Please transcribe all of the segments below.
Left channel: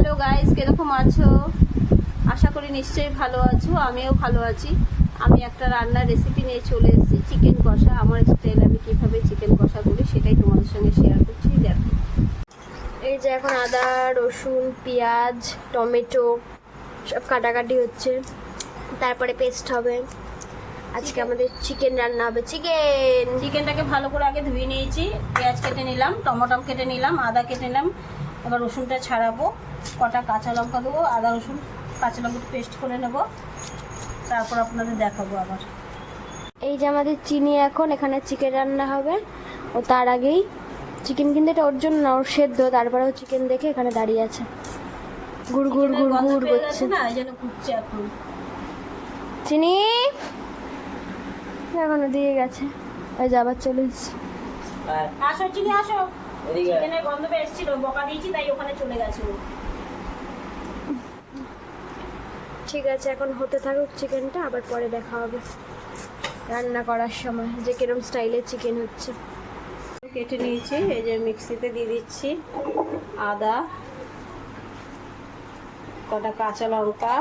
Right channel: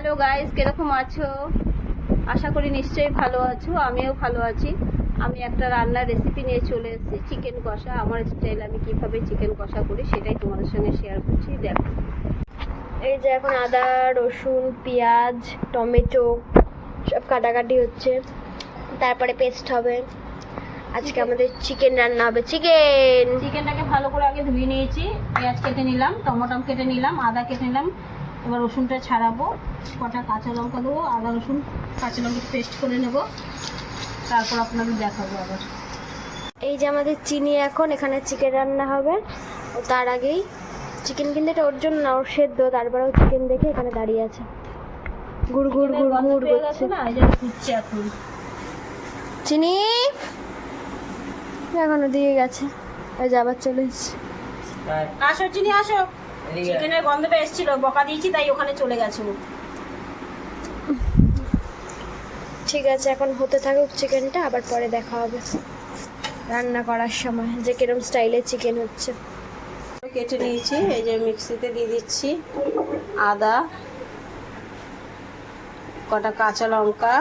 Hello guys কীরকম আছো? আশা করি নিশ্চয়ই ভালো আছো আমিও ভালো আছি। আমি একটা রান্নার রেসিপি নিয়ে চলে এসেছি চিকেন কষা। আমার স্টাইল আমি কীভাবে চিকেন কষা করি সেটাই তোমাদের সঙ্গে শেয়ার করছি দেখো। এই যে এখন আদা রসুন পেঁয়াজ টমেটো সব কাটাকাটি হচ্ছে। তারপরে পেস্ট হবে। আজকে আমাদের চিকেন রান্না হবে। চিকেন চিকেনটাকে ভালো করে আগে ধুয়ে নিয়েছি। পেঁয়াজ কেটে নিলাম টমেটো কেটে নিলাম আদা কেটে নিলাম। এবার রসুনটা ছাড়াবো কটা কাঁচা লঙ্কা দেবো আদা রসুন কাঁচা লঙ্কা পেস্ট করে নেব। তারপর আপনাদের দেখাবো আবার। এই যে আমাদের চিনি এখন এখানে চিকেন রান্না হবে। ও তার আগেই চিকেন কিন্তু এটা ওর জন্য না ওর সেদ্ধ তারপরে চিকেন দেখে এখানে দাঁড়িয়ে আছে। গুড় গুড় গুড় গুড় করছে। না এই জন্য ফুটছে এখন। চিনি এখনও দিয়ে গেছে। ওই যে আবার চলে এসছে। আসো চিনি আসো। চিকেনের গন্ধটা এসেছিল বকা দিয়েছি তাই ওখানে চলে গেছে ঠিক আছে এখন হতে থাকুক চিকেনটা আবার পরে দেখা হবে। রান্না করার সময় যে কিরম স্টাইলে চিকেন হচ্ছে। কেটে নিয়েছি এই যে মিক্সিতে দিয়ে দিচ্ছি আদা কটা কাঁচা লঙ্কা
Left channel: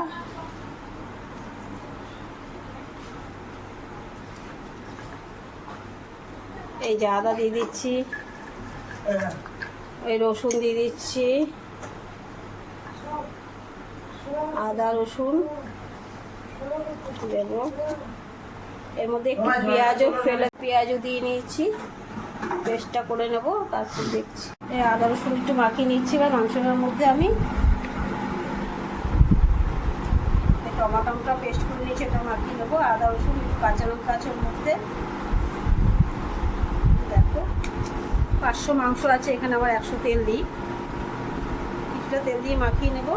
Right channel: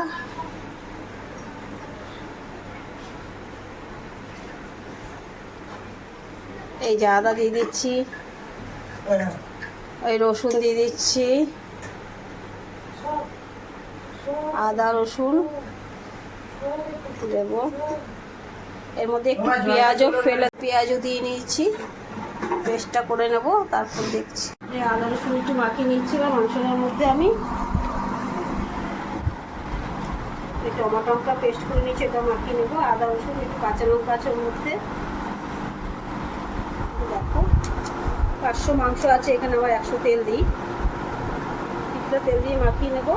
এই যে আদা দিয়ে দিচ্ছি। ওই রসুন দিয়ে দিচ্ছি। আদা, রসুন দেব। এর মধ্যে একটু পেঁয়াজও ফেলে, পেঁয়াজও দিয়ে নিয়েছি। পেস্টটা করে নেব, তারপর দেখছি। এই আদা, রসুন একটু মাখিয়ে নিচ্ছি না মাংসটার মধ্যে আমি টমাটোটা পেস্ট করে নিয়েছি এটা মাখিয়ে নেব। আদা, রসুন একটু কাঁচা লঙ্কা আছে মধ্যে। দেখো। পাঁচশো মাংস আছে, এখানে আবার একশো তেল দিই। কিছুটা তেল দিয়ে মাখিয়ে নেব।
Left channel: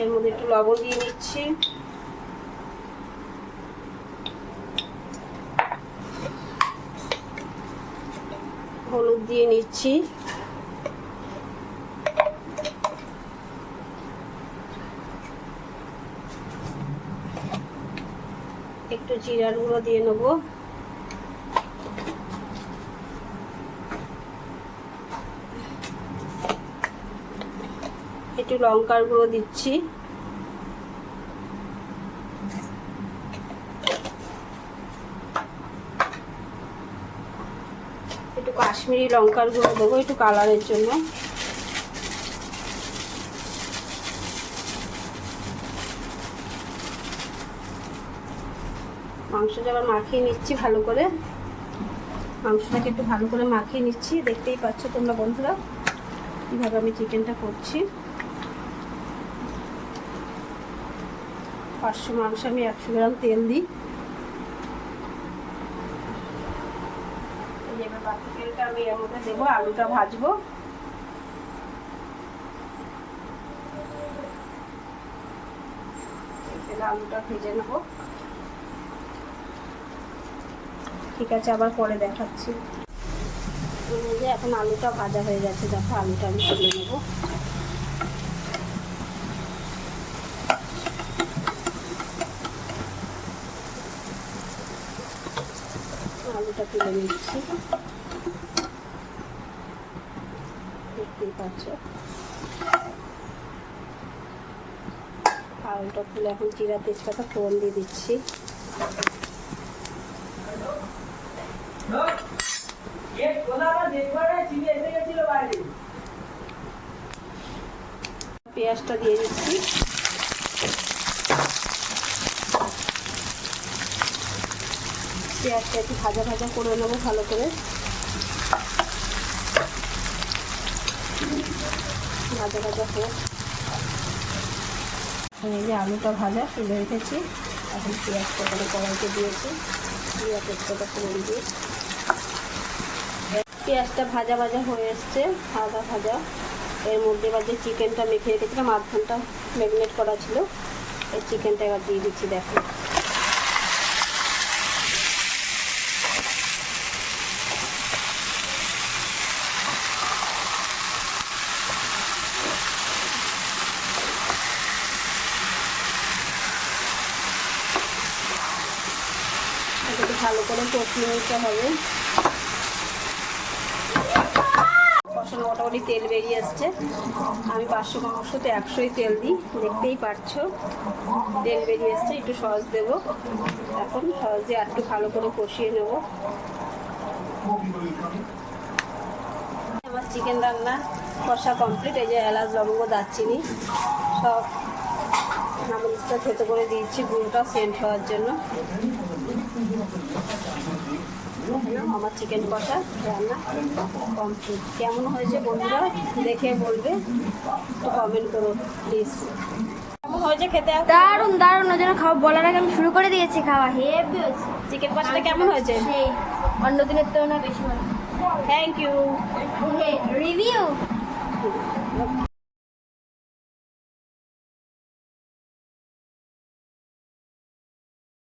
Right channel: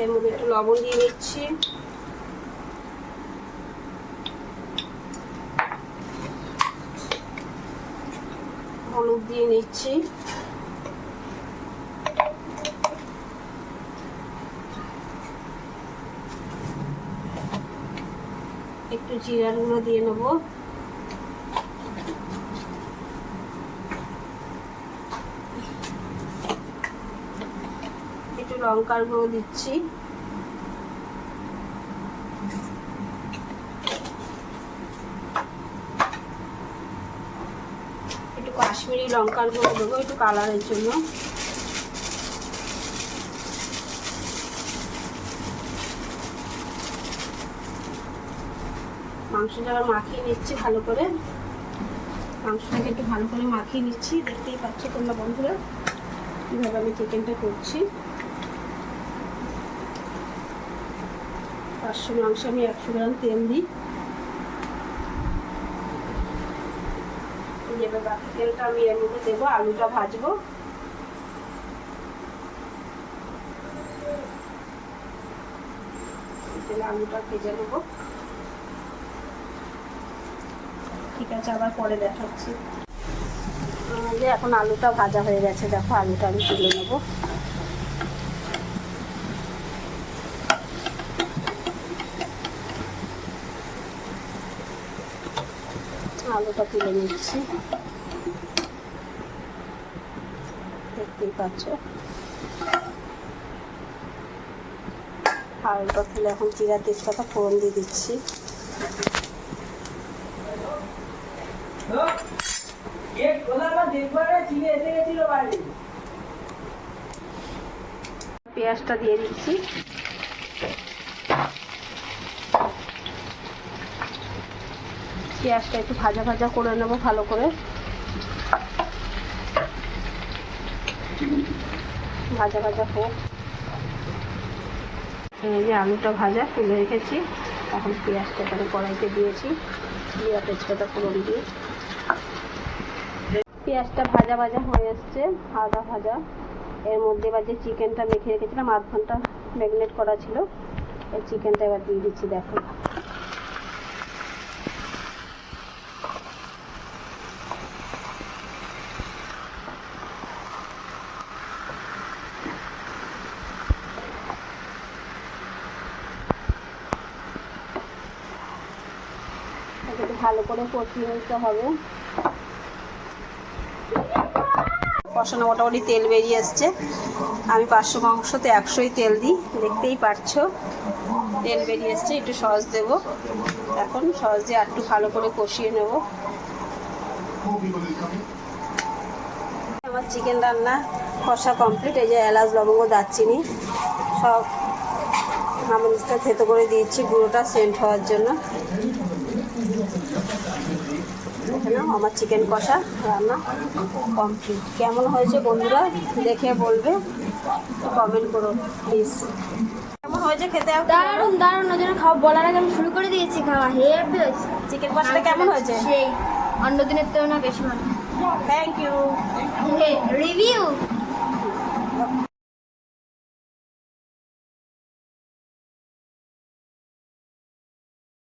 এর একটু লবণ দিয়ে নিচ্ছি। হলুদ দিয়ে নিচ্ছি। একটু জিরার গুঁড়ো দিয়ে নেব। একটু লঙ্কার গুঁড়ো দিচ্ছি। একটু কাশ্মীরি লঙ্কার গুঁড়ো দেবো, একটু কালারের জন্য। মাংসটা মাখিয়ে নিচ্ছি ভালো করে। মাংসটাকে একটু ভালো করে মাখিয়ে নিচ্ছি। দেখতেই পাচ্ছ তোমরা বন্ধুরা, কীভাবে আমি চিকেনটা করছি। পাঁচশো মাংস আমি একশো গ্রাম তেল দিই। এবার বাকি তেলটা আমি এর মধ্যে দেবো, আলুটা ভাজবো। আলুটা ভেজে নেব। ঠিক আছে, আবার পরে দেখাচ্ছি। যে এখন আলুটা ভাজা হয়ে গেছে, দেখো আলুটা আমি তুলে নেব। আলুটা তুলে নিচ্ছি। দেখতেই পাচ্ছ। আলুটা তুলে এখন জিরা তেজপাতা ফোড়ন দিয়ে দিচ্ছি। পেঁয়াজটা দিয়ে দিচ্ছি। পেঁয়াজটা একটু ভাজা ভাজা করে নেব ভালো করে। ভাজা ভাজা হোক। এই যে আলুটা ভাজা তুলে রেখেছি। এখন পেঁয়াজটা এখানে কড়াইতে দিয়েছি। দিয়ে তেজপাতা ফোড়ন দিয়ে। পেঁয়াজটা ভাজা ভাজা হয়ে এসছে, ভাজা ভাজা। এর মধ্যে এবার যে চিকেনটা মেখে রেখেছিলাম, আধ ঘণ্টা ম্যারিনেট করা ছিল, এই চিকেনটা এবার দিয়ে দিচ্ছি, দেখো। ভালো করে কষিয়ে নিতে হবে। কষানো মোটামুটি তেল বেরিয়ে এসছে আমি পাঁচশো মাংসতে একশোই তেল দিই, দেখতেই পারছ। তেল বেরিয়ে এসছে একটু সস দেবো। এখন সস দিয়ে আর একটু ভালো করে কষিয়ে নেব। আমার চিকেন রান্না কষা কমপ্লিট, এই যে এলাচ, লবঙ্গ, দারচিনি সব নামরিচটা থেতো করে দিয়েছি গুঁড়োটা সেন্ট হওয়ার জন্য। এখানে আমার চিকেন কষা রান্না কমপ্লিট কেমন হয়েছে বন্ধুরা দেখে বলবে কমেন্ট করো প্লিজ কেমন হয়েছে খেতে? দারুণ দারুণ ওই জন্য খাওয়া বলার আগে আমি শুরু করে দিয়েছি খাওয়া হেভি হয়েছে। চিকেন কষাটা কেমন হয়েছে? সেই অন্য দিনের তুলনা বেশি ভালো। Thank you review